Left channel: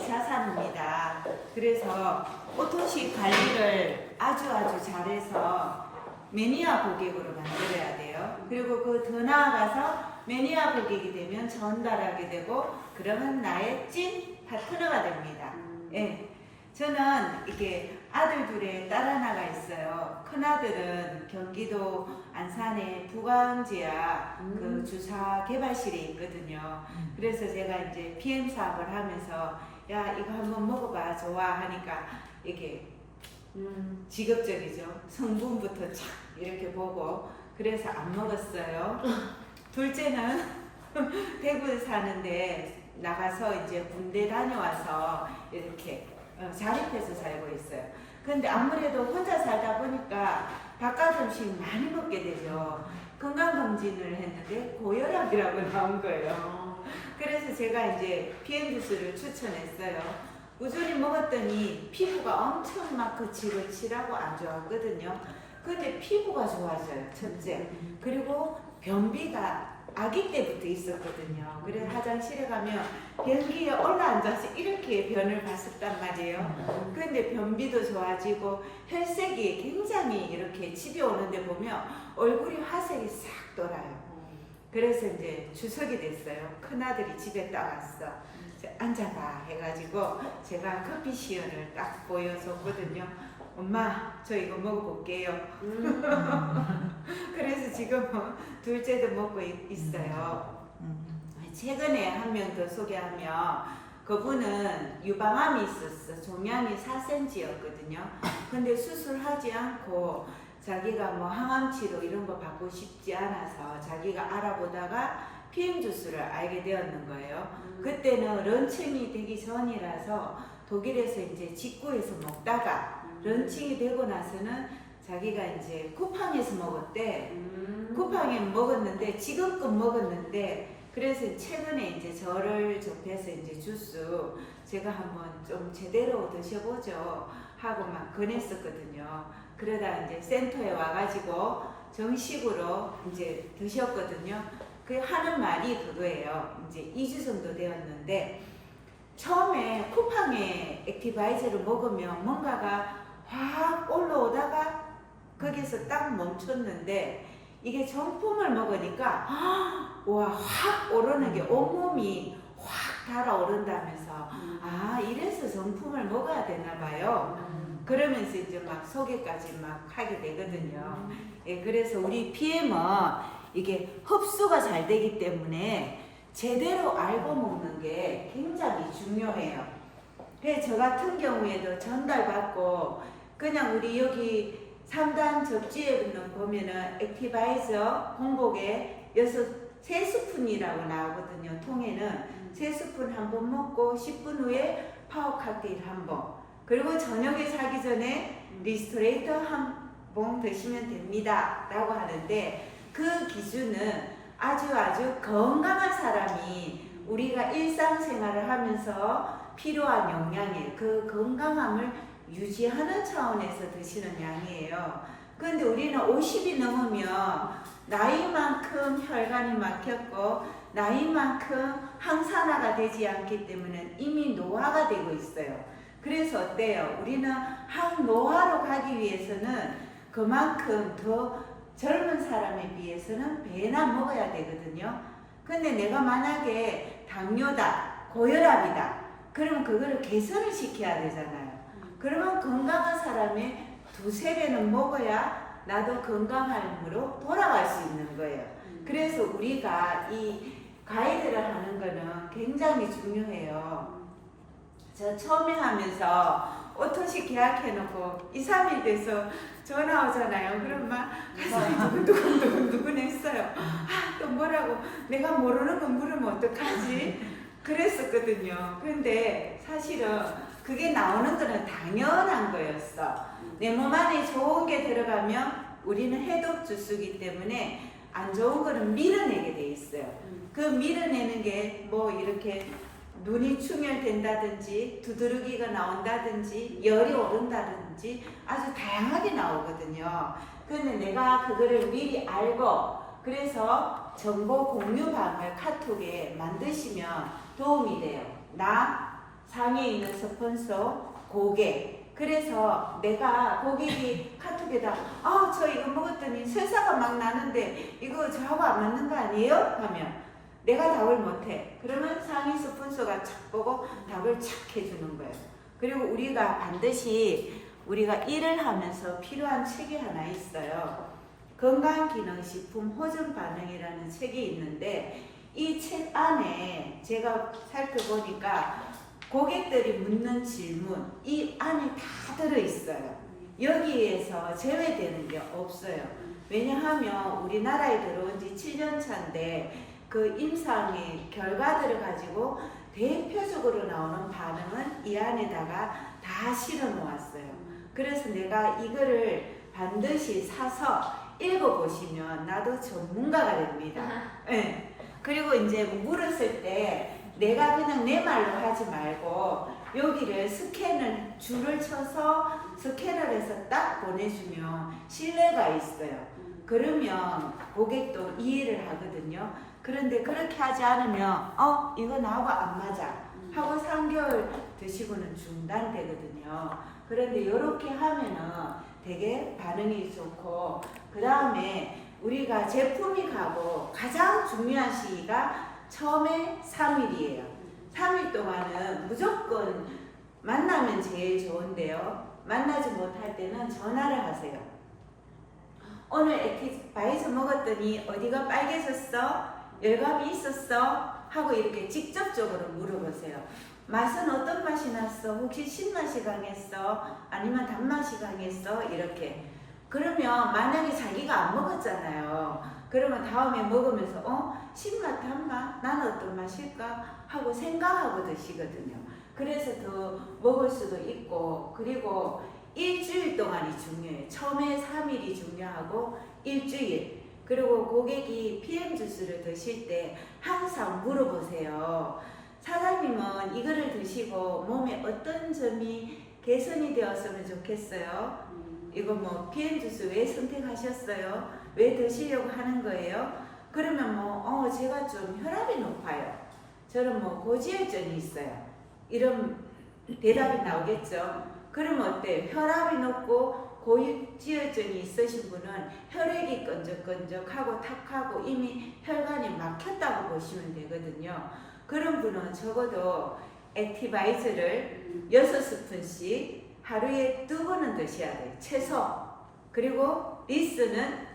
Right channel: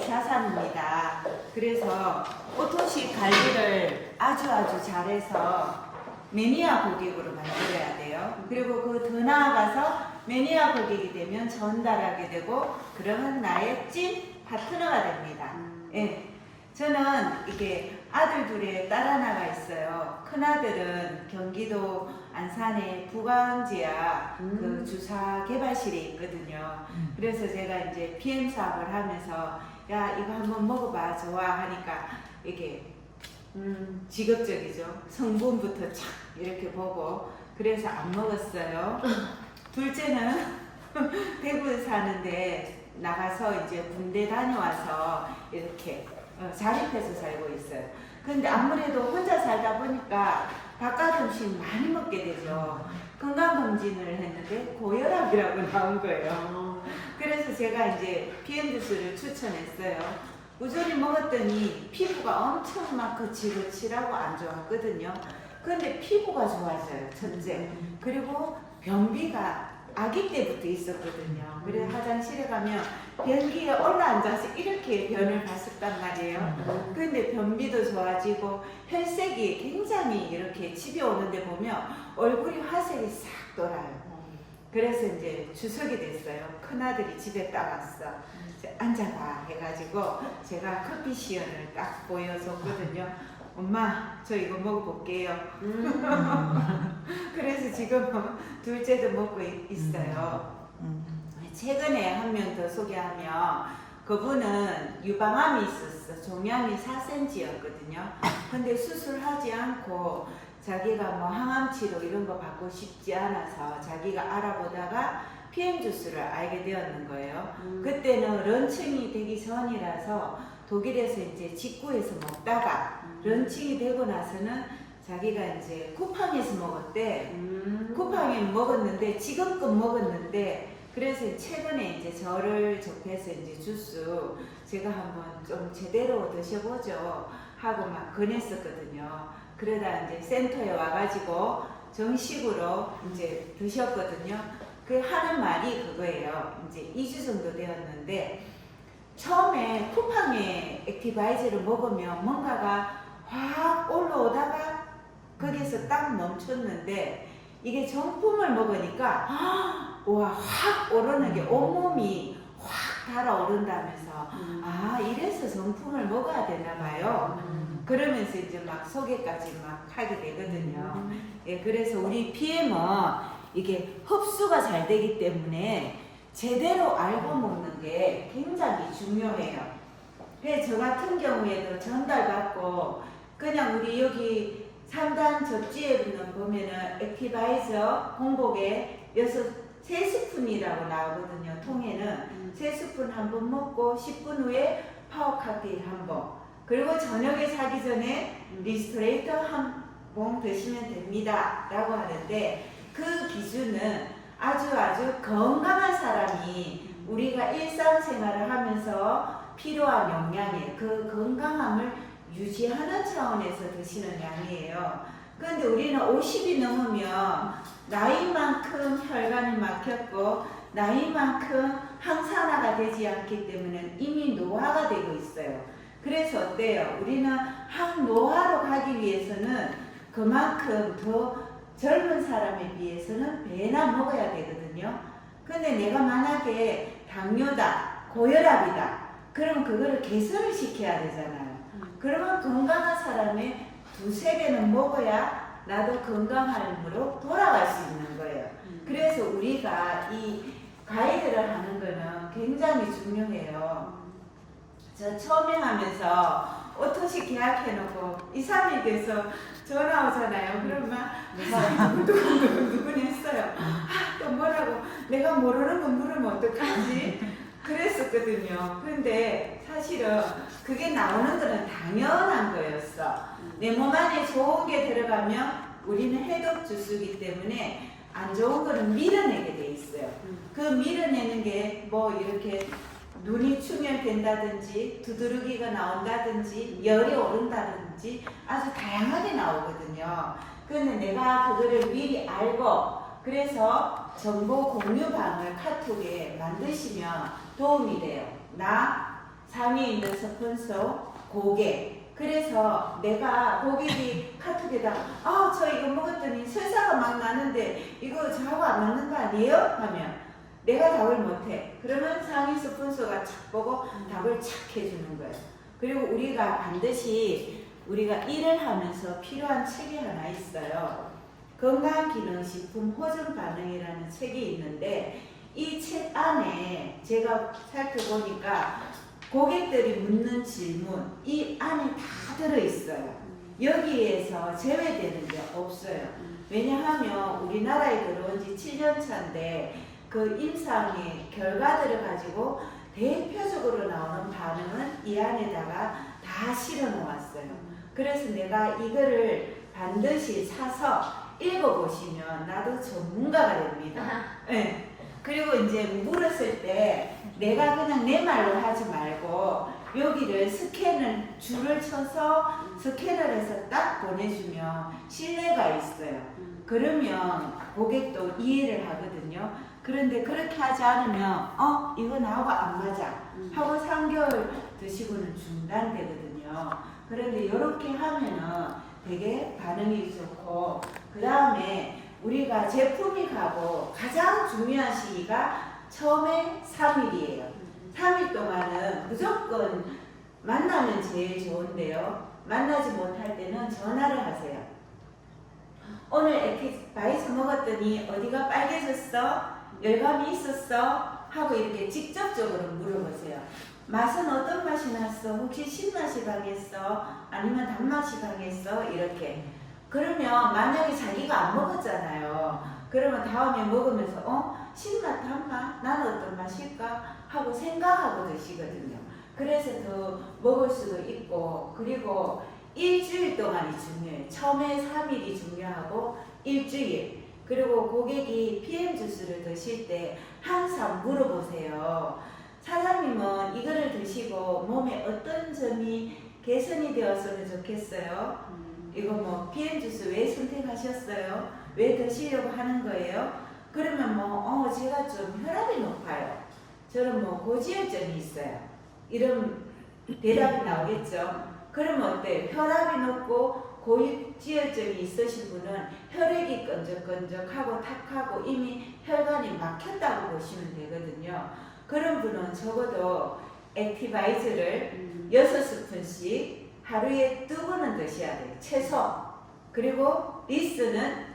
이사사입니다. 그래서 오토식 관리를 아주 잘해서 매니아 고객으로 만들어야 돼요. 그리고 그 더 나아가서 매니아 고객이 되면 전달하게 되고 그러면 나의 찐 파트너가 됩니다. 예. 저는 이게 아들 둘에 딸 하나가 있어요. 큰아들은 경기도 안산의 부광지야 그 주사 개발실에 있거든요. 그래서 제가 이제 PM 사업을 하면서 야 이거 한번 먹어봐 좋아 하니까 이게 직업적이죠. 성분부터 착 이렇게 보고 그래서 안 먹었어요. 둘째는 대구에 사는데 나가서 이제 군대 다녀와서 이렇게 자립해서 살고 있어요. 근데 아무래도 혼자 살다 보니까 바깥 음식 많이 먹게 되죠. 건강검진을 했는데 고혈압이라고 나온 거예요. 그래서 제가 이제 PM 주스를 추천했어요. 꾸준히 먹었더니 피부가 엄청 막 거칠거칠하고 안 좋았거든요. 근데 피부가 좋아져요, 첫째. 그리고 변비가 아기 때부터 있었거든요. 그래서 화장실에 가면 변기에 올라앉아서 이렇게 변을 봤었단 말이에요. 근데 변비도 좋아지고 혈색이 굉장히 이렇게 집에 오는데 보면 얼굴이 화색이 싹 돌아요. 그래서 이제 주석이 됐어요. 큰아들이 집에 딱 왔어. 앉아봐 해가지고 제가 커피 시연을 딱 보여줬거든요. 엄마 저 이거 먹어볼게요. 그래서 지금 둘째도 먹고 있어요. 최근에 한 명 더 소개하면 그분은 유방암이 있었어. 종양이 4cm였거든요. 근데 수술하지 않고 자기가 뭐 항암 치료 이런 거 받고 싶지 않아서 자기가 알아보다가 PM 주스를 알게 되었는 거예요. 그때는 런칭이 되기 전이라서 독일에서 이제 직구해서 먹다가 런칭이 되고 나서는 자기가 이제 쿠팡에서 먹었대. 쿠팡에 먹었는데 지금껏 먹었는데 그래서 최근에 이제 저를 접해서 이제 주스 제가 한번 좀 제대로 드셔보죠 하고 막 권했었거든요. 그러다 이제 센터에 와가지고 정식으로 이제 드셨거든요. 그 하는 말이 그거예요. 이제 2주 정도 되었는데 처음에 쿠팡에 액티바이저를 먹으면 뭔가가 확 올라오다가 거기서 딱 멈췄는데 이게 정품을 먹으니까 와 확 오르는 게 온몸이 확 달아오른다면서 아 이래서 정품을 먹어야 되나 봐요. 그러면서 이제 막 소개까지 막 하게 되거든요. 예, 그래서 우리 PM은 이게 흡수가 잘 되기 때문에 제대로 알고 먹는 게 굉장히 중요해요. 그래서 저 같은 경우에도 전달받고 그냥 우리 여기 3단 접지에는 보면은 액티바이저 공복에 3스푼이라고 나오거든요. 통에는 3스푼 한 번 먹고 10분 후에 파워 칵테일 한 번, 그리고 저녁에 자기 전에 리스토레이터 한 번 드시면 됩니다 라고 하는데 그 기준은 아주 건강한 사람이 우리가 일상생활을 하면서 필요한 영양에 그 건강함을 유지하는 차원에서 드시는 양이에요. 그런데 우리는 50이 넘으면 나이만큼 혈관이 막혔고 나이만큼 항산화가 되지 않기 때문에 이미 노화가 되고 있어요. 그래서 어때요? 우리는 항노화로 가기 위해서는 그만큼 더 젊은 사람에 비해서는 배나 먹어야 되거든요. 근데 내가 만약에 당뇨다, 고혈압이다, 그러면 그거를 개선을 시켜야 되잖아요. 그러면 건강한 사람의 2~3배는 먹어야 나도 건강함으로 돌아갈 수 있는 거예요. 그래서 우리가 이 가이드를 하는 거는 굉장히 중요해요. 저 처음에 하면서 오토식 계약해놓고 2~3일 돼서 전화 오잖아요. 그러면 막 가슴이 두근두근 했어요. 또 뭐라고 내가 모르는 거 물으면 어떡하지? 그랬었거든요. 근데 사실은 그게 나오는 거는 당연한 거였어. 내 몸 안에 좋은 게 들어가면 우리는 해독 주스이기 때문에 안 좋은 거는 밀어내게 돼 있어요. 그 밀어내는 게 뭐 이렇게 눈이 충혈된다든지 두드러기가 나온다든지 열이 오른다든지 아주 다양하게 나오거든요. 그런데 내가 그거를 미리 알고 그래서 정보 공유방을 카톡에 만드시면 도움이 돼요. 나 상위에 있는 스폰서, 고객. 그래서 내가 고객이 카톡에다 저 이거 먹었더니 설사가 막 나는데 이거 저하고 안 맞는 거 아니에요? 하면 내가 답을 못해. 그러면 상위 스폰서가 착 보고 답을 착 해주는 거예요. 그리고 우리가 반드시 우리가 일을 하면서 필요한 책이 하나 있어요. 건강기능식품 호전반응이라는 책이 있는데 이 책 안에 제가 살펴보니까 고객들이 묻는 질문 이 안에 다 들어있어요. 여기에서 제외되는 게 없어요. 왜냐하면 우리나라에 들어온 지 7년 차인데 그 임상의 결과들을 가지고 대표적으로 나오는 반응은 이 안에다가 다 실어 놓았어요. 그래서 내가 이거를 반드시 사서 읽어보시면 나도 전문가가 됩니다. 네. 그리고 이제 물었을 때 내가 그냥 내 말로 하지 말고 여기를 스캔을 줄을 쳐서 스캔을 해서 딱 보내주면 신뢰가 있어요. 그러면 고객도 이해를 하거든요. 그런데 그렇게 하지 않으면 이거 나하고 안 맞아 하고 3개월 드시고는 중단되거든요. 그런데 이렇게 하면은 되게 반응이 좋고 그 다음에 우리가 제품이 가고 가장 중요한 시기가 처음에 3일이에요. 3일 동안은 무조건 만나면 제일 좋은데요. 만나지 못할 때는 전화를 하세요. 오늘 액티바이스 먹었더니 어디가 빨개졌어? 열감이 있었어? 하고 이렇게 직접적으로 물어보세요. 맛은 어떤 맛이 났어? 혹시 신맛이 강했어? 아니면 단맛이 강했어? 이렇게. 그러면 만약에 자기가 안 먹었잖아요. 그러면 다음에 먹으면서 신맛, 단맛? 나는 어떤 맛일까? 하고 생각하고 드시거든요. 그래서 더 먹을 수도 있고 그리고 일주일 동안이 중요해요. 처음에 3일이 중요하고 일주일. 그리고 고객이 PM 주스를 드실 때 항상 물어보세요. 사장님은 이거를 드시고 몸에 어떤 점이 개선이 되었으면 좋겠어요? 이거 뭐 PM 주스 왜 선택하셨어요? 왜 드시려고 하는 거예요? 그러면 제가 좀 혈압이 높아요. 저는 고지혈증이 있어요. 이런 대답이 나오겠죠. 그러면 어때? 혈압이 높고 고지혈증이 있으신 분은 혈액이 끈적끈적하고 탁하고 이미 혈관이 막혔다고 보시면 되거든요. 그런 분은 적어도 액티바이즈를 6스푼씩 하루에 2번은 드셔야 돼요. 최소. 그리고 리스는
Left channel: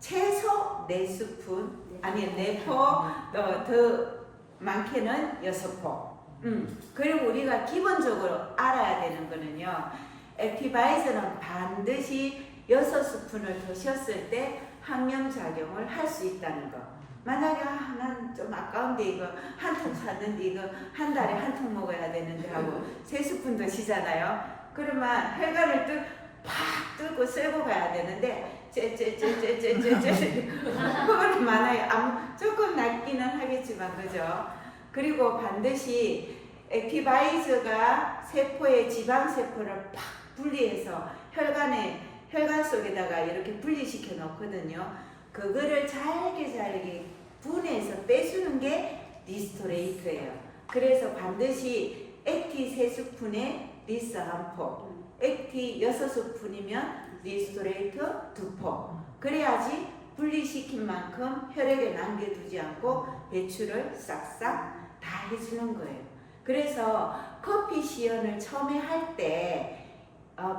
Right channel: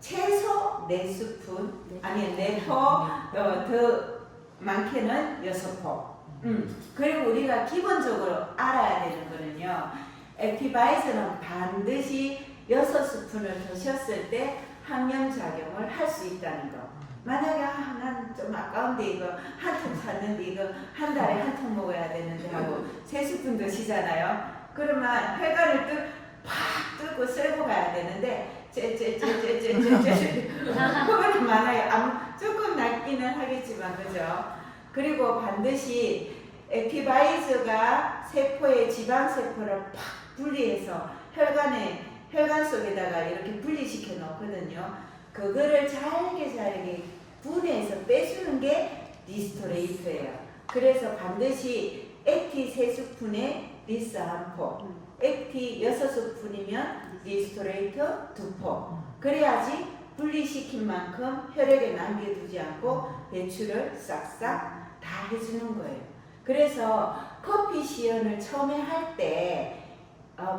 최소 4스푼 아니 4포 더 많게는 6포. 그리고 우리가 기본적으로 알아야 되는 거는요. 액티바이즈는 반드시 6스푼을 드셨을 때 항염작용을 할 수 있다는 거. 만약에 난 좀 아까운데 이거 한 통 샀는데 이거 한 달에 한 통 먹어야 되는데 하고 3스푼 드시잖아요. 그러면 혈관을 팍 뚫고 쓸고 가야 되는데 그거는 만약에 조금 낫기는 하겠지만 그죠? 그리고 반드시 액티바이저가 세포의 지방세포를 팍 분리해서 혈관 속에다가 이렇게 분리시켜 놓거든요. 그거를 잘게 분해해서 빼주는 게 리스토레이터예요. 그래서 반드시 액티 3스푼에 리스 1포, 액티 6스푼이면 리스토레이터 2포. 그래야지 분리시킨 만큼 혈액에 남겨두지 않고 배출을 싹싹 다 해주는 거예요. 그래서 커피 시연을 처음에 할 때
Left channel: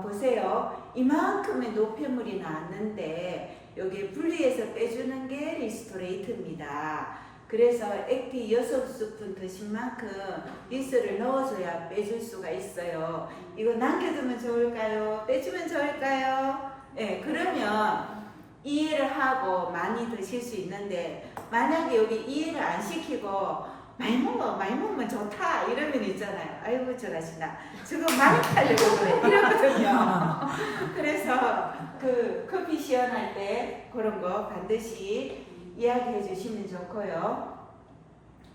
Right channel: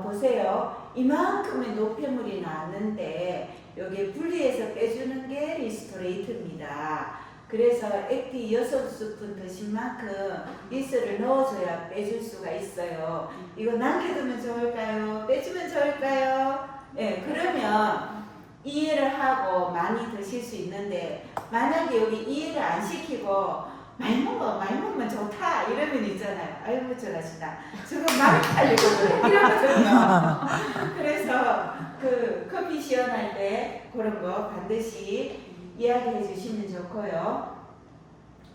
보세요. 이만큼의 노폐물이 나왔는데 여기 분리해서 빼주는 게 리스토레이터입니다. 그래서 액티 6스푼 드신 만큼 리스를 넣어줘야 빼줄 수가 있어요. 이거 남겨두면 좋을까요? 빼주면 좋을까요? 네, 그러면 이해를 하고 많이 드실 수 있는데 만약에 여기 이해를 안 시키고 많이 먹으면 좋다 이러면 있잖아요. 아이고 저러시나 저거 많이 팔려고 그래 이러거든요. 그래서 그 커피 시연할 때 그런 거 반드시 이야기해 주시면 좋고요.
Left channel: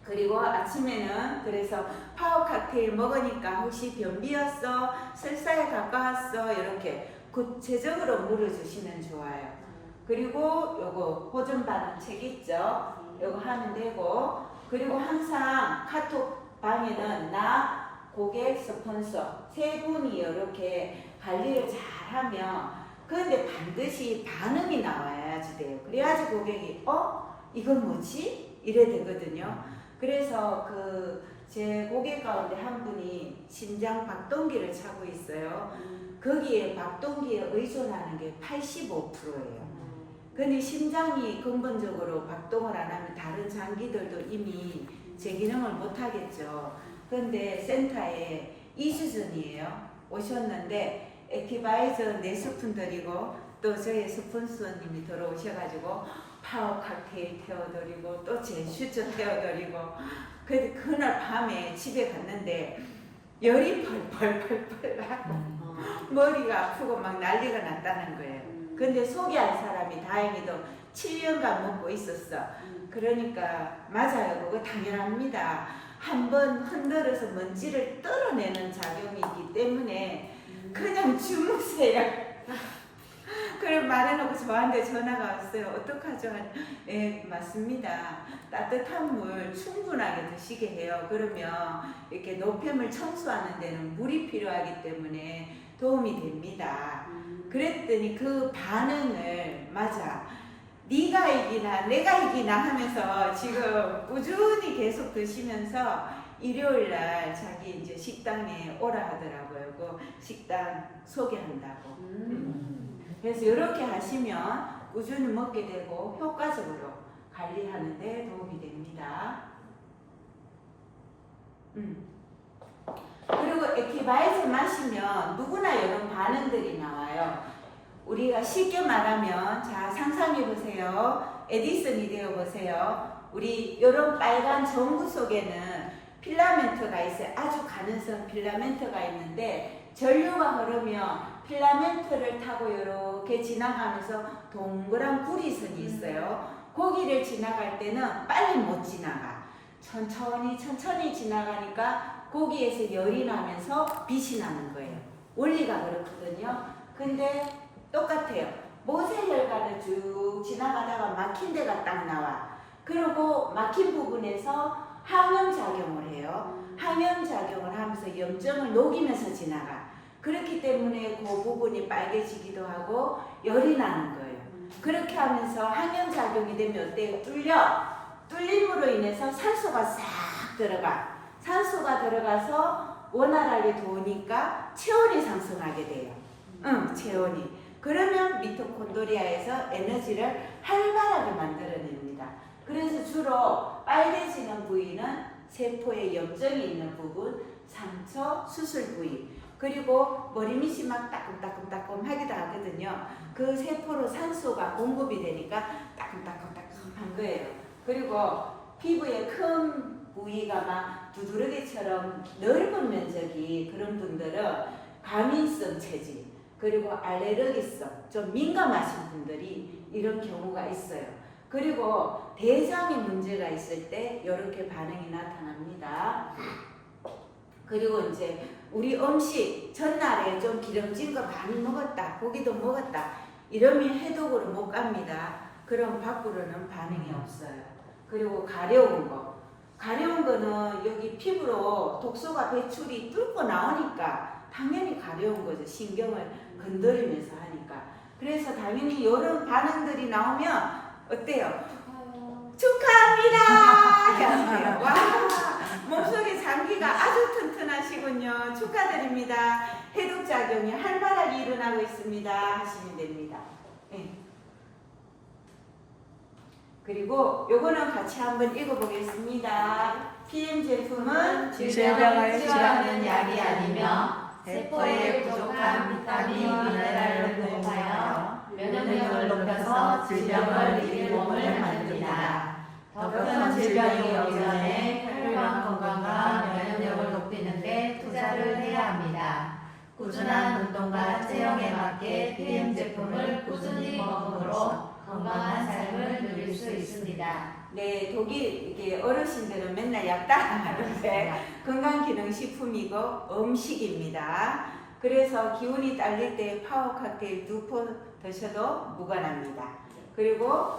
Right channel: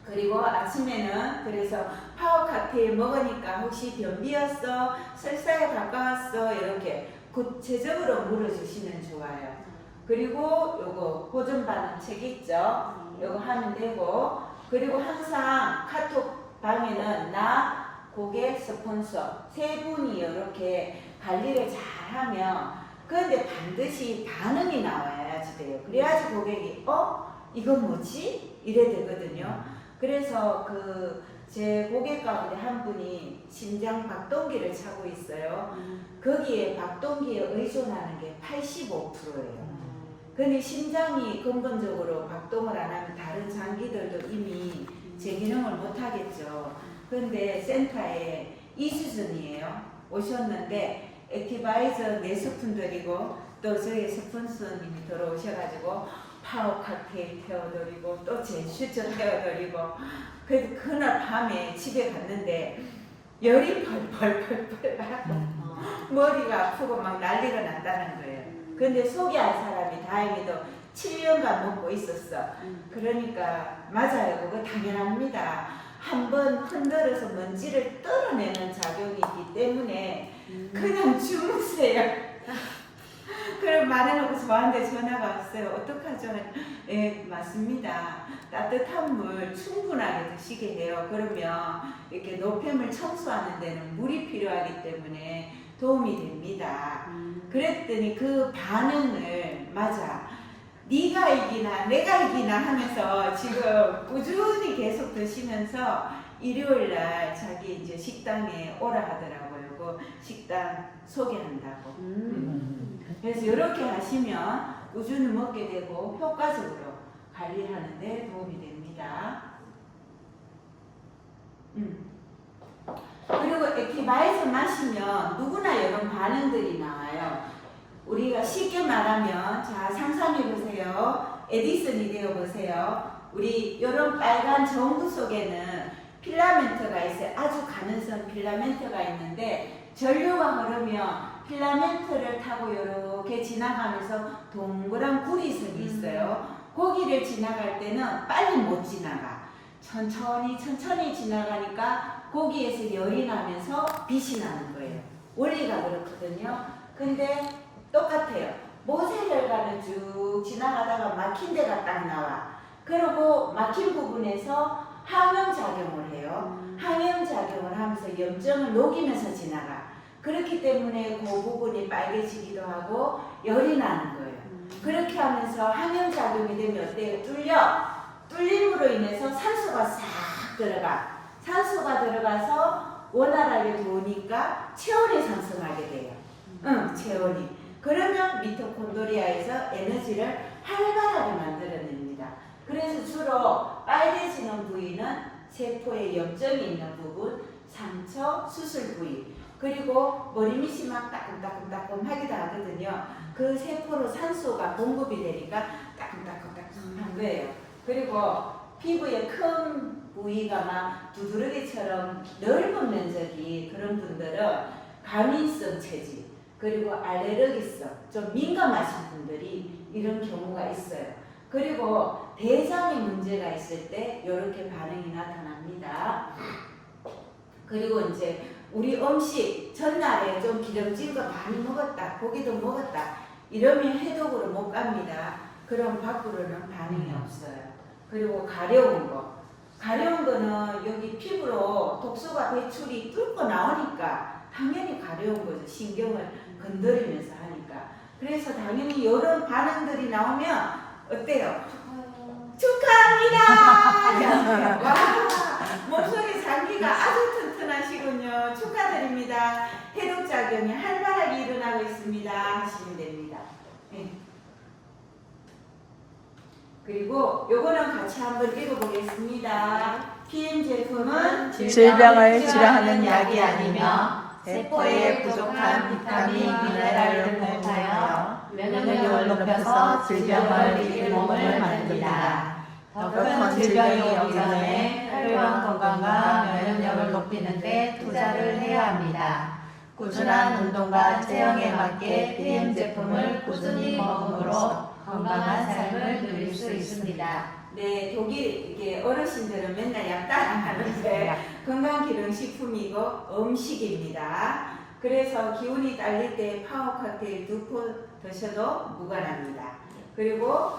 그리고 아침에는 그래서 파워 칵테일 먹으니까 혹시 변비였어? 설사에 가까웠어? 이렇게 구체적으로 물어주시면 좋아요. 그리고 요거 호전 반응 책 있죠? 요거 하면 되고 그리고 항상 카톡 방에는 나 고객, 스폰서 세 분이 이렇게 관리를 잘하면 그런데 반드시 반응이 나와야지 돼요. 그래야지 고객이 이거 뭐지? 이래 되거든요. 그래서 제 고객 가운데 한 분이 심장 박동기를 차고 있어요. 거기에 박동기에 의존하는 게 85%예요. 근데 심장이 근본적으로 박동을 안 하면 다른 장기들도 이미 제 기능을 못 하겠죠. 그런데 센터에 이수전이에요. 오셨는데 액티바이저 4스푼 드리고 또 저희 스폰서님이 들어오셔가지고 파워 칵테일 태워드리고 또 제슈처 태워드리고 그래서 그날 밤에 집에 갔는데 열이 펄펄펄펄 나고 머리가 아프고 막 난리가 났다는 거예요. 근데 소개할 사람이 다행히도 7년간 먹고 있었어. 그러니까 맞아요. 그거 당연합니다. 한번 흔들어서 먼지를 떨어내는 작용이 있기 때문에 그냥 주무세요. 그럼 말해놓고 저한테 전화가 왔어요. 어떡하죠? 예, 맞습니다. 따뜻한 물 충분하게 드시게 해요. 그러면 이렇게 노폐물 청소하는 데는 물이 필요하기 때문에 도움이 됩니다. 그랬더니 그 반응을 맞아. 네가 이기나 내가 이기나 하면서 지금 꾸준히 계속 드시면서 일요일날 자기 이제 식당에 오라 하더라고요. 그 식당 소개한다고. 그래서 이렇게 하시면 꾸준히 먹게 되고 효과적으로 관리하는 데 도움이 됩니다. 그리고 액티바이저 마시면 누구나 이런 반응들이 나와요. 우리가 쉽게 말하면 자 상상해 보세요. 에디슨이 되어 보세요. 우리 이런 빨간 전구 속에는 필라멘트가 있어요. 아주 가늘선 필라멘트가 있는데 전류가 흐르면 필라멘트를 타고 이렇게 지나가면서 동그란 구리선이 있어요. 거기를 지나갈 때는 빨리 못 지나가. 천천히 지나가니까 거기에서 열이 나면서 빛이 나는 거예요. 원리가 그렇거든요. 근데 똑같아요. 모세혈관을 쭉 지나가다가 막힌 데가 딱 나와. 그리고 막힌 부분에서 항염작용을 해요. 항염작용을 하면서 염증을 녹이면서 지나가. 그렇기 때문에 그 부분이 빨개지기도 하고 열이 나는 거예요. 그렇게 하면서 항염작용이 되면 어때요? 뚫림으로 인해서 산소가 싹 들어가. 산소가 들어가서 원활하게 도니까 체온이 상승하게 돼요. 체온이. 그러면 미토콘드리아에서 에너지를 활발하게 만들어냅니다. 그래서 주로 빨개지는 부위는 세포에 염증이 있는 부분, 상처, 수술 부위, 그리고 머리 밑이 막 따끔따끔따끔하기도 하거든요. 그 세포로 산소가 공급이 되니까 따끔따끔따끔한 거예요. 그리고 피부에 큰 부위가 막 두드러기처럼 넓은 면적이 그런 분들은 과민성 체질, 그리고 알레르기성, 좀 민감하신 분들이 이런 경우가 있어요. 그리고 대장에 문제가 있을 때 이렇게 반응이 나타납니다. 그리고 이제 우리 음식 전날에 좀 기름진 거 많이 먹었다, 고기도 먹었다 이러면 해독으로 못 갑니다. 그럼 밖으로는 반응이 없어요. 그리고 가려운 거는 여기 피부로 독소가 배출이 뚫고 나오니까 당연히 가려운 거죠. 신경을 건드리면서 하니까. 그래서 당연히 이런 반응들이 나오면 어때요? 축하합니다! 와, 목소리 장기가 아주 튼튼하시군요. 축하드립니다. 해독작용이 활발하게 일어나고 있습니다. 하시면 됩니다. 네. 그리고 요거는 같이 한번 읽어보겠습니다. PM 제품은 질병을 치료하는 약이 아니며 세포에 부족한 비타민, 미네랄을 공급하여 면역력을 높여서 질병을 이길 몸을 만듭니다. 더 큰 질병이 오기 전에 혈관 건강과 면역력을 높이는 데 투자를 해야 합니다. 꾸준한 운동과 체형에 맞게 PM 제품을 꾸준히 먹음으로 건강한 삶을 누릴 수 있습니다. 네, 독일 이게 어르신들은 맨날 약단 하는데 건강기능식품이고 음식입니다. 그래서 기운이 딸릴 때 파워 칵테일 2포 드셔도 무관합니다. 그리고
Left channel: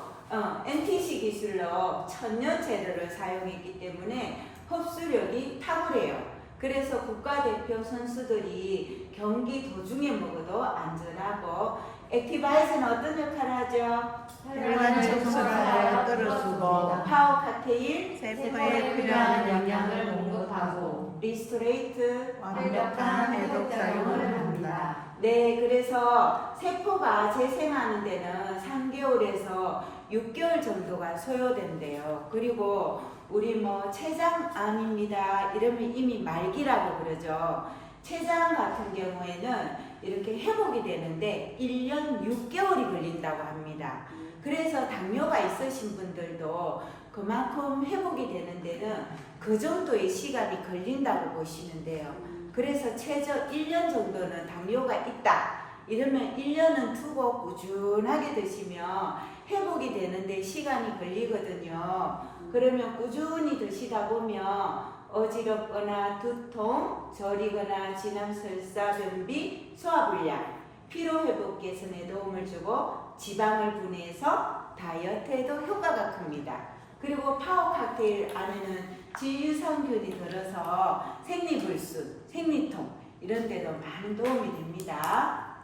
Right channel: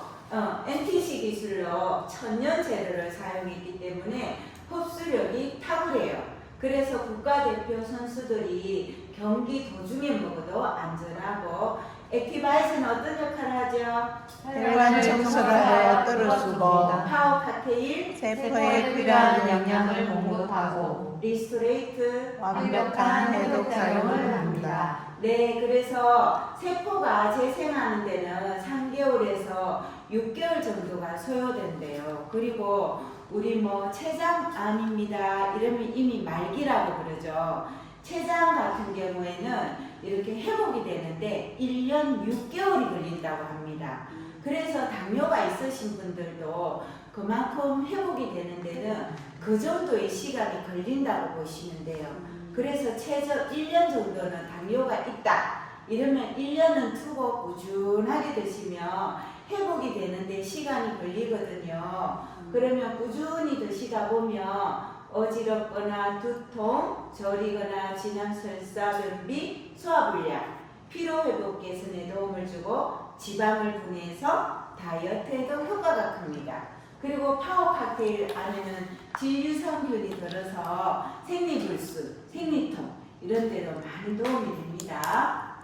NTC 기술로 천연 재료를 사용했기 때문에 흡수력이 탁월해요. 그래서 국가대표 선수들이 경기 도중에 먹어도 안전하고, 액티바이즈는 어떤 역할을 하죠? 혈관 청소를 하여 뼈를 쓰고 파워 칵테일, 세포에 필요한 영양을 공급하고 리스토레이트, 완벽한 해독 작용을 합니다. 네, 그래서 세포가 재생하는 데는 3개월에서 6개월 정도가 소요된대요. 그리고 우리 뭐 췌장암입니다 이러면 이미 말기라고 그러죠. 췌장 같은 경우에는 이렇게 회복이 되는데 1년 6개월이 걸린다고 합니다. 그래서 당뇨가 있으신 분들도 그만큼 회복이 되는 데는 그 정도의 시간이 걸린다고 보시면 돼요. 그래서 최저 1년 정도는 당뇨가 있다 이러면 1년은 두고 꾸준하게 드시면 회복이 되는데 시간이 걸리거든요. 그러면 꾸준히 드시다 보면 어지럽거나 두통, 저리거나 진한 설사, 변비, 소화불량, 피로회복 개선에 도움을 주고 지방을 분해해서 다이어트에도 효과가 큽니다. 그리고 파워 칵테일 안에는 지유성균이 들어서 생리불순, 생리통 이런 데도 많은 도움이 됩니다.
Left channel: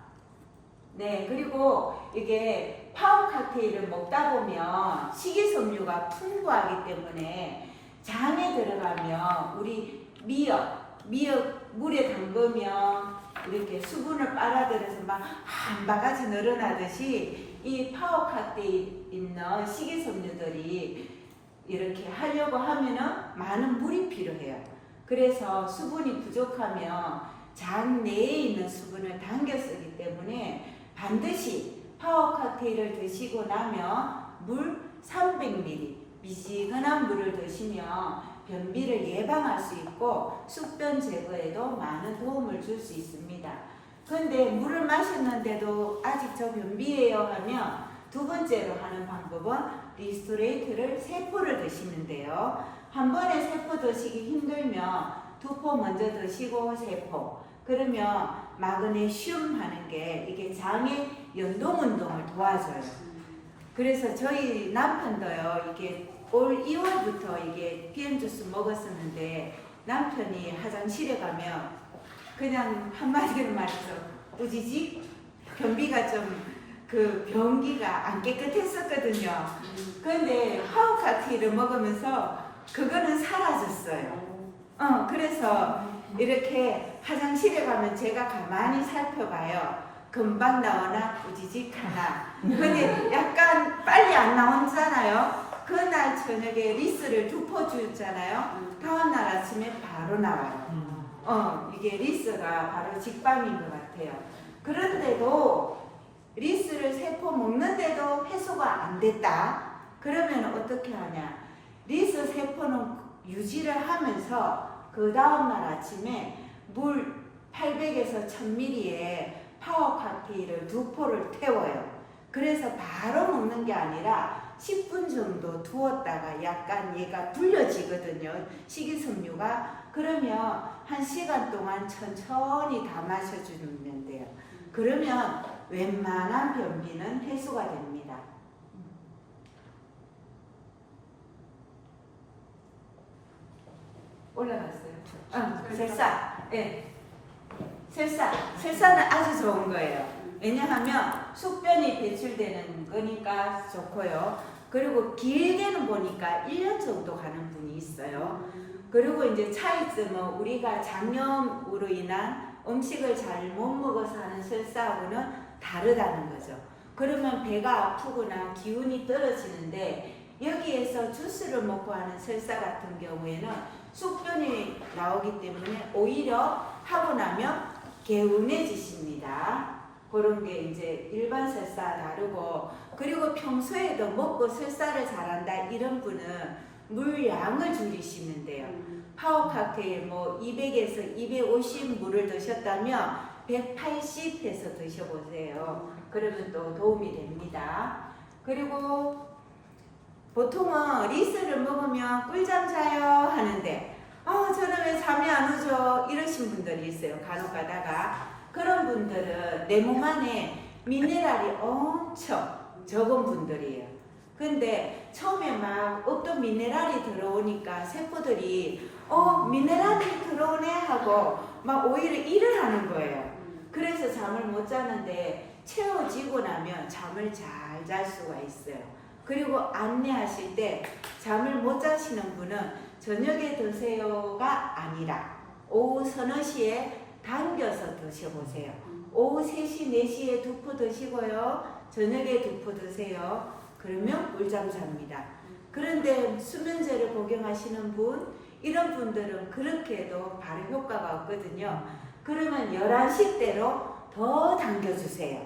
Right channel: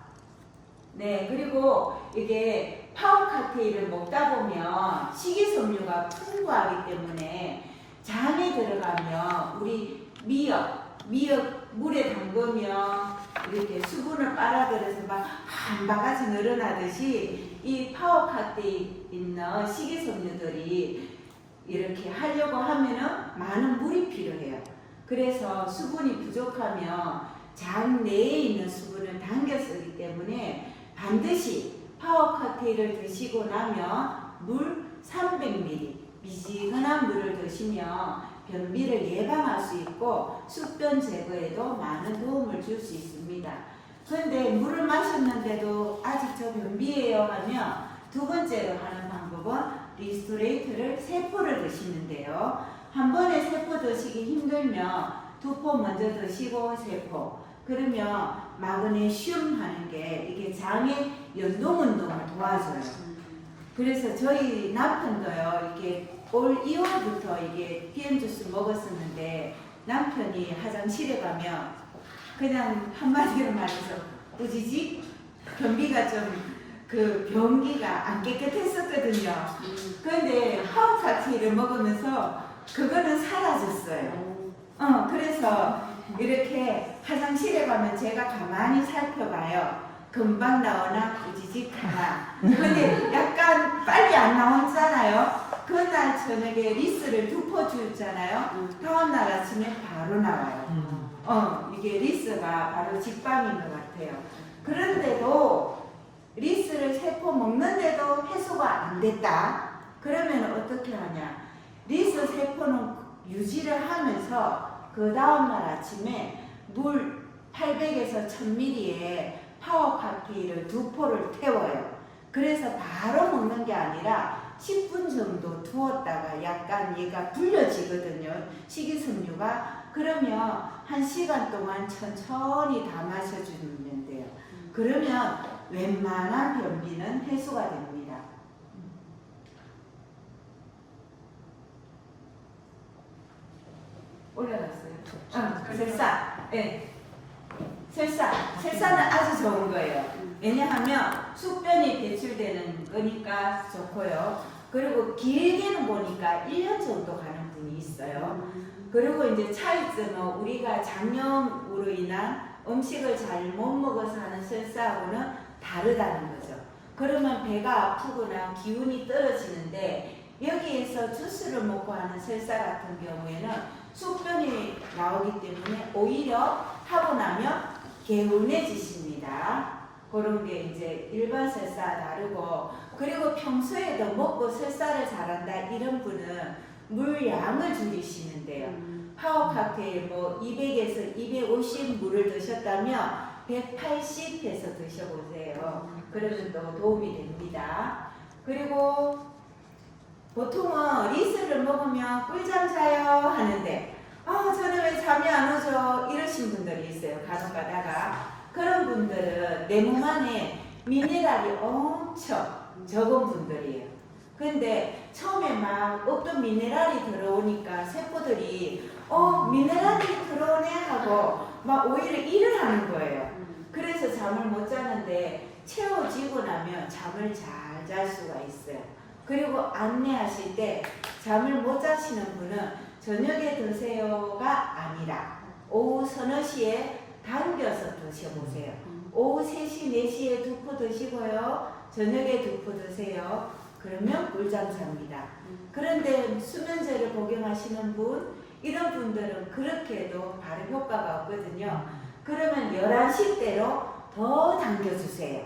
네, 그리고 이게 파워 칵테일을 먹다 보면 식이섬유가 풍부하기 때문에 장에 들어가면 우리 미역 물에 담그면 이렇게 수분을 빨아들여서 막 한 바가지 늘어나듯이 이 파워 칵테일 있는 식이섬유들이 이렇게 하려고 하면은 많은 물이 필요해요. 그래서 수분이 부족하면 장 내에 있는 수분을 당겨 쓰기 때문에 반드시 파워 칵테일을 드시고 나면 물 300ml 미지근한 물을 드시면 변비를 예방할 수 있고 숙변 제거에도 많은 도움을 줄 수 있습니다. 그런데 물을 마셨는데도 아직 저 변비예요 하면 두 번째로 하는 방법은 리스토레이트를 3포를 드시는데요. 한 번에 3포 드시기 힘들면 2포 먼저 드시고 3포. 그러면 마그네슘 하는 게 이게 장의 연동 운동을 도와줘요. 그래서 저희 남편도요, 이게 올 2월부터 이게 PM 주스 먹었었는데 남편이 화장실에 가면 그냥 한마디로 말해서 우지직 변비가 좀 그 변기가 안 깨끗했었거든요. 그런데 파워 칵테일을 먹으면서 그거는 사라졌어요. 그래서 이렇게 화장실에 가면 제가 가만히 살펴봐요. 금방 나오나 우지직 하나. 근데 약간 빨리 안 나오잖아요. 그날 저녁에 리스를 2포 주잖아요. 다음날 아침에 바로 나와요. 이게 리스가 바로 직방인 것 같아요. 그런데도 리스를 3포 먹는데도 해소가 안 됐다. 그러면 어떻게 하냐? 리스 3포는 유지를 하면서 그 다음날 아침에 물 800에서 1000ml에 파워 칵테일을 2포를 태워요. 그래서 바로 먹는 게 아니라 10분 정도 두었다가 약간 얘가 불려지거든요. 식이섬유가. 그러면 1시간 동안 천천히 다 마셔주면 돼요. 그러면 웬만한 변비는 해소가 됩니다. 올라갔어요. 설사. 네. 설사는 아주 좋은 거예요. 왜냐하면 숙변이 배출되는 거니까 좋고요. 그리고 길게는 보니까 1년 정도 가는 분이 있어요. 그리고 이제 차이점은 우리가 장염으로 인한 음식을 잘 못 먹어서 하는 설사하고는 다르다는 거죠. 그러면 배가 아프거나 기운이 떨어지는데 여기에서 주스를 먹고 하는 설사 같은 경우에는 숙변이 나오기 때문에 오히려 하고 나면 개운해지십니다. 그런 게 이제 일반 설사 다르고, 그리고 평소에도 먹고 설사를 잘한다 이런 분은 물량을 줄이시면 돼요. 파워 칵테일 뭐 200에서 250 물을 드셨다면 180 해서 드셔보세요. 그러면 또 도움이 됩니다. 그리고 보통은 리스를 먹으면 꿀잠 자요 하는데 저는 왜 잠이 안 오죠? 이러신 분들이 있어요. 간혹 가다가. 그런 분들은 내 몸 안에 미네랄이 엄청 적은 분들이에요. 근데 처음에 막 어떤 미네랄이 들어오니까 세포들이 미네랄이 들어오네 하고 막 오히려 일을 하는 거예요. 그래서 잠을 못 자는데 채워지고 나면 잠을 잘 잘 수가 있어요. 그리고 안내하실 때 잠을 못 자시는 분은 저녁에 드세요가 아니라 오후 서너 시에 당겨서 드셔보세요. 오후 3시, 4시에 2포 드시고요. 저녁에 2포 드세요. 그러면 꿀잠 잡니다. 그런데 수면제를 복용하시는 분, 이런 분들은 그렇게 해도 바로 효과가 없거든요. 그러면 11시대로 더 당겨주세요.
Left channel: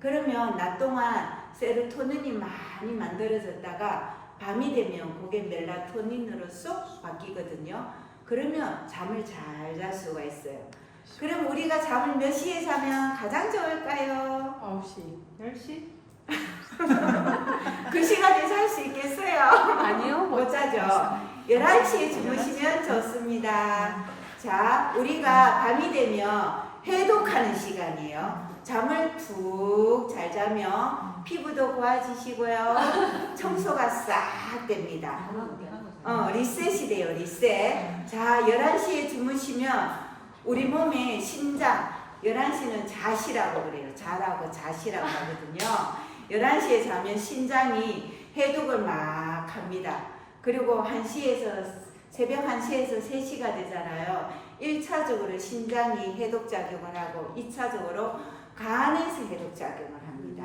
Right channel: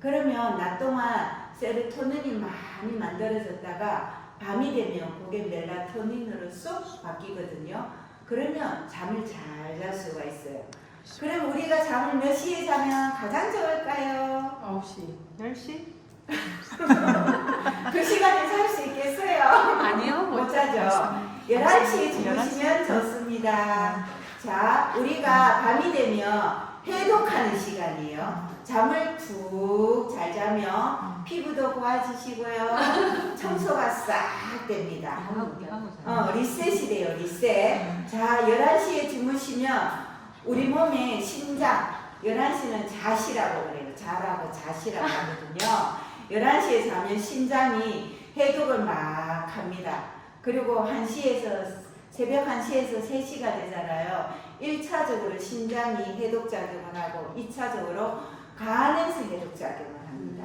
그러면 낮 동안 세로토닌이 많이 만들어졌다가 밤이 되면 그게 멜라토닌으로 쏙 바뀌거든요. 그러면 잠을 잘 잘 수가 있어요. 그럼 우리가 잠을 몇 시에 자면 가장 좋을까요? 9시, 10시? 그 시간에 잘 수 있겠어요? 아니요, 못 자죠. 11시에 주무시면 좋습니다. 자, 우리가 밤이 되면 해독하는 시간이에요. 잠을 푹 잘 자면 피부도 고와지시고요. 청소가 싹 됩니다. 리셋이 돼요, 리셋. 자, 11시에 주무시면 우리 몸의 심장, 11시는 자시라고 그래요. 자라고 자시라고 하거든요. 11시에 자면 심장이 해독을 막 합니다. 그리고 1시에서, 새벽 1시에서 3시가 되잖아요. 1차적으로 심장이 해독작용을 하고 2차적으로 간에서 해독작용을 합니다.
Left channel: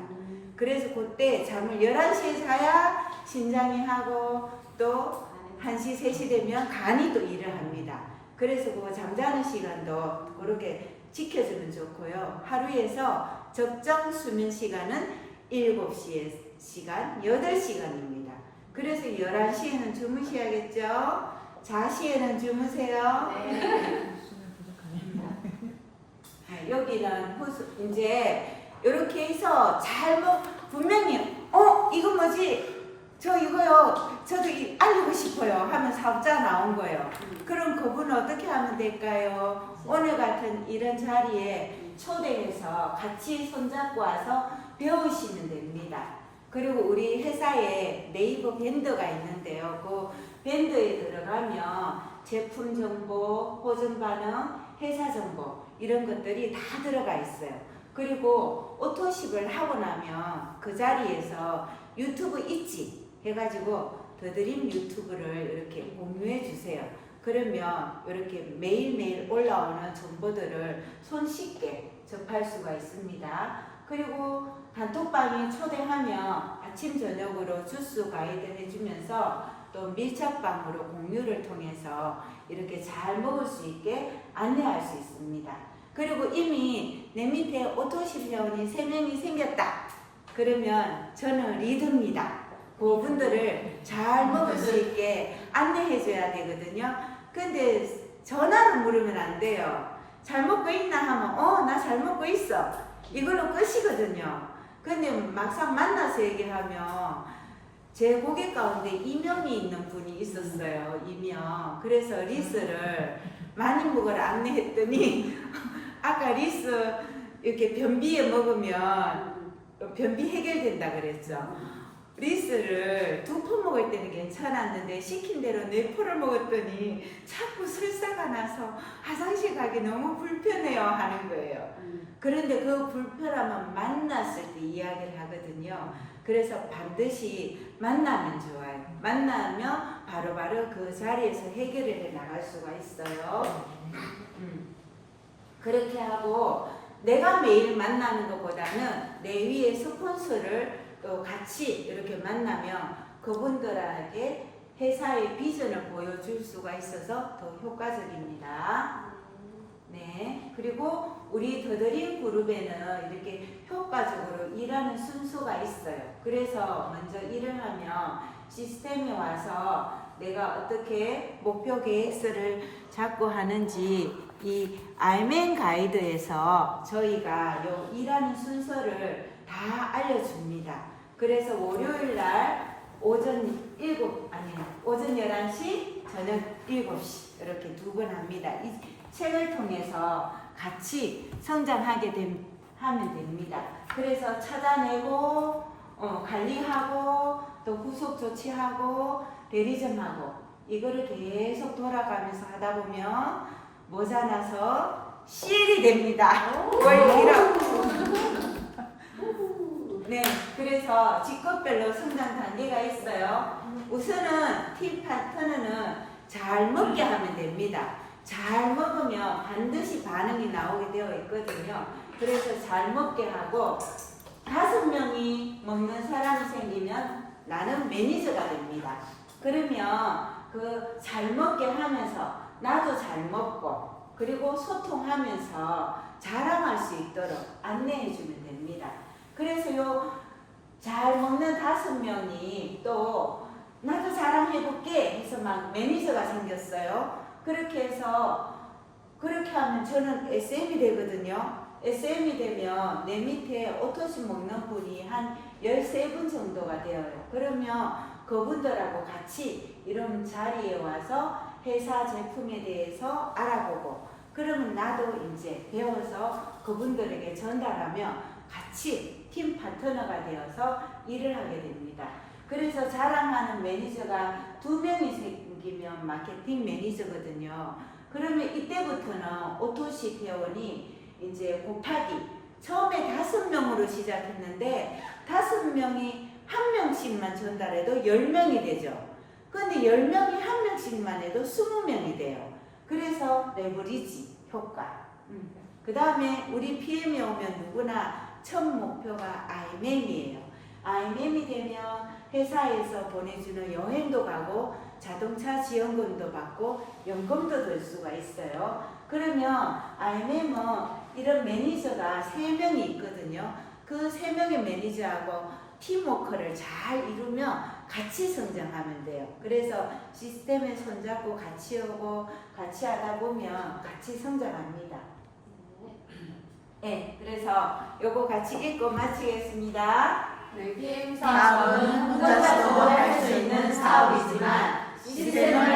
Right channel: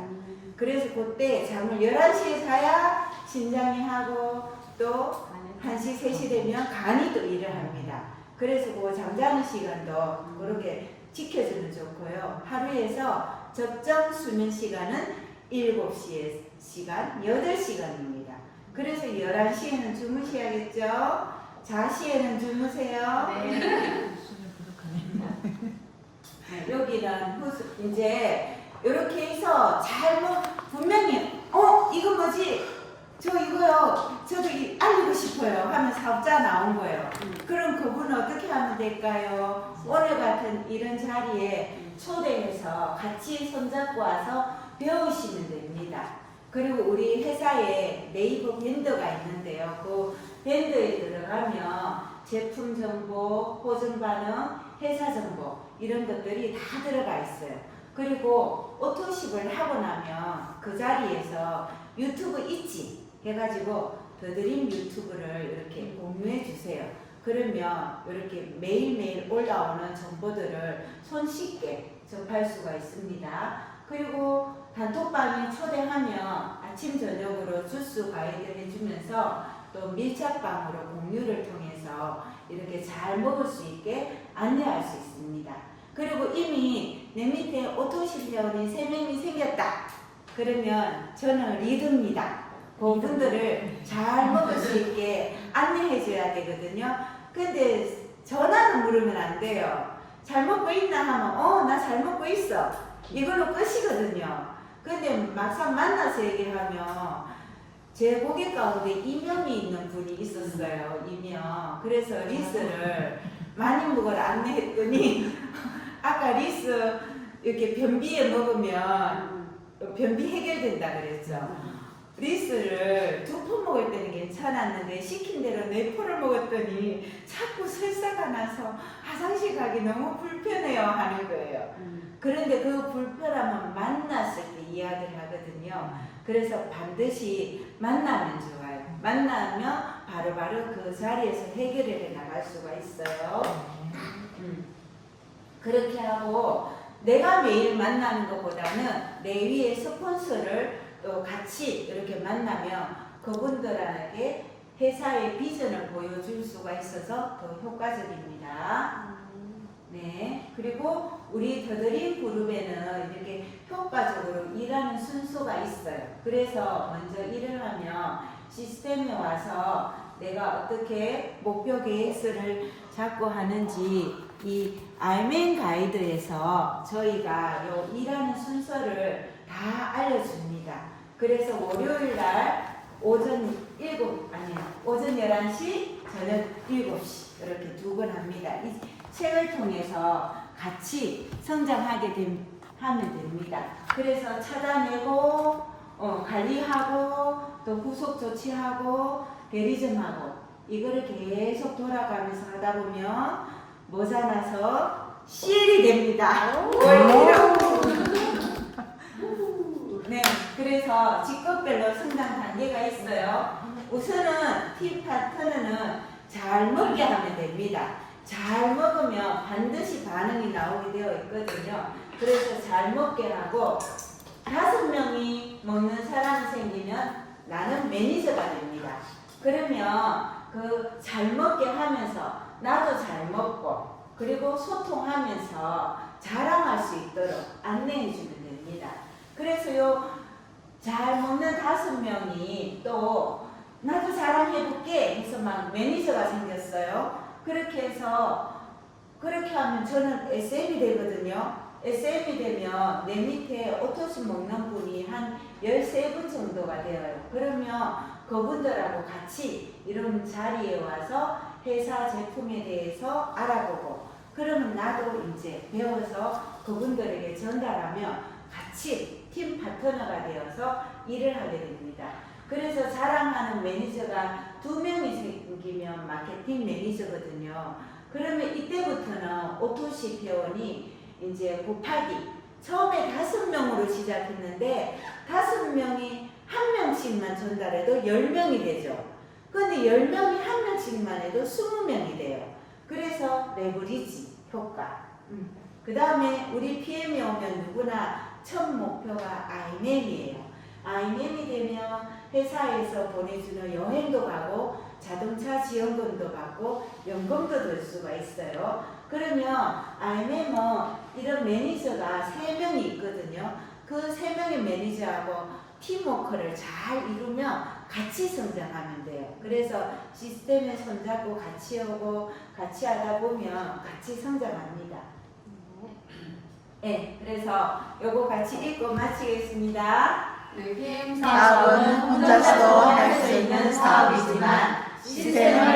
그래서 그때 잠을 11시에 자야 심장이 하고 또 1시, 3시 되면 간이 또 일을 합니다. 그래서 그 잠자는 시간도 그렇게 지켜주면 좋고요. 하루에서 적정 수면 시간은 7시의 시간, 8시간입니다. 그래서 11시에는 주무셔야겠죠? 자시에는 주무세요. 여기는 이제 이렇게 해서 분명히 이거 뭐지? 저 이거요. 저도 알리고 싶어요. 하면 사업자 나온 거예요. 그럼 그분은 어떻게 하면 될까요? 오늘 같은 이런 자리에 초대해서 같이 손잡고 와서 배우시면 됩니다. 그리고 우리 회사에 네이버 밴드가 있는데요. 그 밴드에 들어가면 제품 정보, 보증 반응, 회사 정보 이런 것들이 다 들어가 있어요. 그리고 오토십을 하고 나면 그 자리에서 유튜브 있지 해가지고 더드림 유튜브를 이렇게 공유해 주세요. 그러면 이렇게 매일매일 올라오는 정보들을 손쉽게 접할 수가 있습니다. 그리고 단톡방에 초대하면 아침 저녁으로 주스 가이드 해주면서 또 밀착방으로 공유를 통해서 이렇게 잘 먹을 수 있게 안내할 수 있습니다. 그리고 이미 내 밑에 오토십 회원이 3명이 생겼다. 그러면 저는 리더입니다. 그분들을 잘 먹을 수 있게 안내해 줘야 되거든요. 근데 전화로 물으면 안 돼요. 잘 먹고 있나 하면 나 잘 먹고 있어. 이걸로 끝이거든요. 근데 막상 만나서 얘기하면 제 고객 가운데 이명이 있는 분이 있었어요. 이명. 그래서 리스를 많이 먹으라 안내했더니 아까 리스 이렇게 변비에 먹으면 변비 해결된다 그랬죠. 리스를 2포 먹을 때는 괜찮았는데 시킨 대로 4포를 먹었더니 자꾸 설사가 나서 화장실 가기 너무 불편해요 하는 거예요. 그런데 그 불편함은 만났을 때 이야기를 하거든요. 그래서 반드시 만나면 좋아요. 만나면 바로바로 그 자리에서 해결을 해 나갈 수가 있어요. 그렇게 하고 내가 매일 만나는 것보다는 내 위에 스폰서를 또 같이 이렇게 만나면 그분들에게 회사의 비전을 보여줄 수가 있어서 더 효과적입니다. 네, 그리고 우리 더드림 그룹에는 이렇게 효과적으로 일하는 순서가 있어요. 그래서 먼저 일을 하면 시스템에 와서 내가 어떻게 목표 계획서를 잡고 하는지 이 알맨 가이드에서 저희가 요 일하는 순서를 다 알려줍니다. 그래서 월요일 날 오전 11시, 저녁 7시 이렇게 2번 합니다. 이 책을 통해서 같이 성장하게 하면 됩니다. 그래서 찾아내고 관리하고 또 후속 조치하고 대리점하고 이거를 계속 돌아가면서 하다 보면 모자라서 CL이 됩니다. 네, 그래서 직급별로 성장 단계가 있어요. 우선은 팀 파트너는 잘 먹게 하면 됩니다. 잘 먹으면 반드시 반응이 나오게 되어 있거든요. 그래서 잘 먹게 하고 5명이 먹는 사람이 생기면 나는 매니저가 됩니다. 그러면 그 잘 먹게 하면서 나도 잘 먹고 그리고 소통하면서 자랑할 수 있도록 안내해 주면 됩니다. 그래서 요 잘 먹는 5명이 또 나도 자랑해볼게 해서 막 매니저가 생겼어요. 그렇게 해서 그렇게 하면 저는 SM이 되거든요. SM이 되면 내 밑에 오토시 먹는 분이 한 13분 정도가 되어요. 그러면 그분들하고 같이 이런 자리에 와서 회사 제품에 대해서 알아보고 그러면 나도 이제 배워서 그분들에게 전달하면 같이 팀 파트너가 되어서 일을 하게 됩니다. 그래서 자랑하는 매니저가 2명이 생기면 마케팅 매니저거든요. 그러면 이때부터는 오토시 회원이 이제 곱하기 처음에 5명으로 시작했는데 5명이 1명씩만 전달해도 10명이 되죠. 근데 10명이 1명씩만 해도 20명이 돼요. 그래서 레버리지 효과. 그 다음에 우리 PM이 오면 누구나 첫 목표가 IMM이에요. IMM이 되면 회사에서 보내주는 여행도 가고 자동차 지원금도 받고 연금도 들 수가 있어요. 그러면 IMM은 이런 매니저가 3명이 있거든요. 그 3명의 매니저하고 팀워크를 잘 이루면 같이 성장하면 돼요. 그래서 시스템에 손잡고 같이 오고 같이 하다 보면 같이 성장합니다. 네, 그래서 요거 같이 읽고 마치겠습니다. 사업은 혼자서도 할 수 있는 사업이지만 시스템을